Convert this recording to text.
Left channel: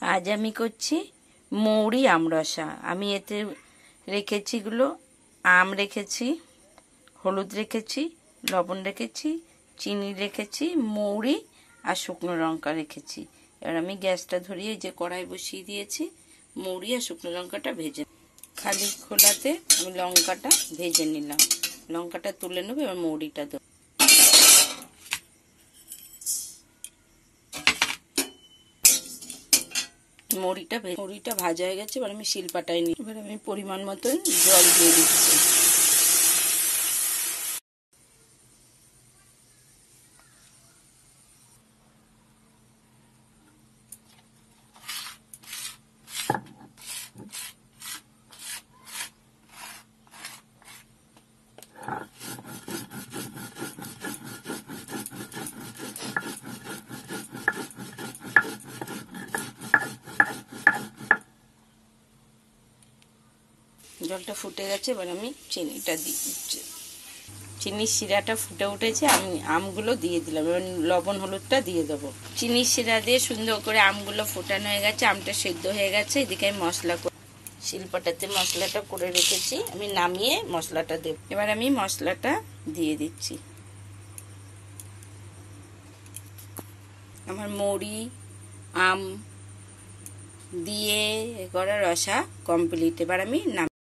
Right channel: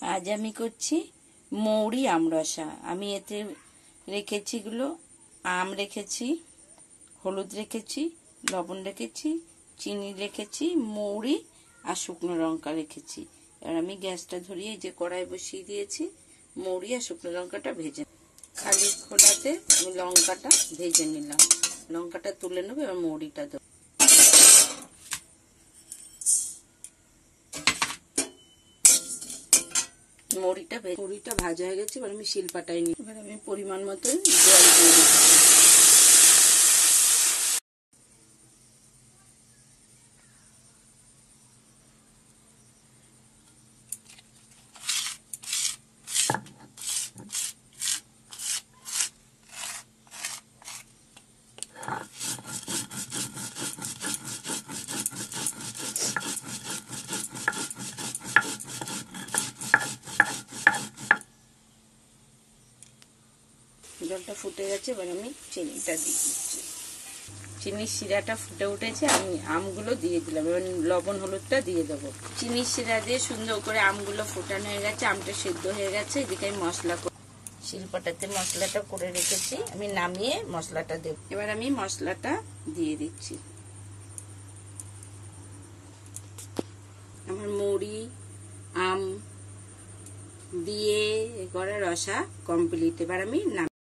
আজ আমি করছি মৌরি আমরসা। আমি এতে রেখেছি আম রেখেছি, হলুদ রেখেছি, লবণ রেখেছি, চিনি রেখেছি, মৌরি আর শুকনো লঙ্কা রেখেছি। এবার আমি গ্যাসটা ধরিয়ে যে কড়াই বসিয়ে দিয়েছি, মৌরি আর শুকনো লঙ্কাটা ভেজে খালি খোলাতে আমি লঙ্কাটা ভেজে নিলাম। লঙ্কাটা তুলে নেবো, এবার মৌরিটা দেবো। মৌরিটা ভাজা হয়ে গেছে, এবার আমি শিলপাটায় নিই। এবার আমি পরিমাণ মতো জল দিয়ে দিচ্ছি। জলটা ফুটে গেছে, এবার আমি চিনিটা দিয়ে দিচ্ছি। চিনির শিরাটা ফুটে উঠেছে, আমি আমগুলো দিয়ে দিলাম। এবার লবণ হলুদটা দিয়ে দেবো। চিনির শিরা দিয়ে সুন্দর করে আমগুলো ফোটানো হয়ে গেছে, আমটা সেদ্ধ হয়ে গেছে। এদিকে আমি মশলা শিলপাটাতে মশলাটা করে রেখেছি, আমি নামিয়ে মশলাটা দেব। এবার আমি মশলাটা দিয়ে দিচ্ছি। আমার মৌরি আম দিয়ে করা রসা কমপ্লিট। এবার আমি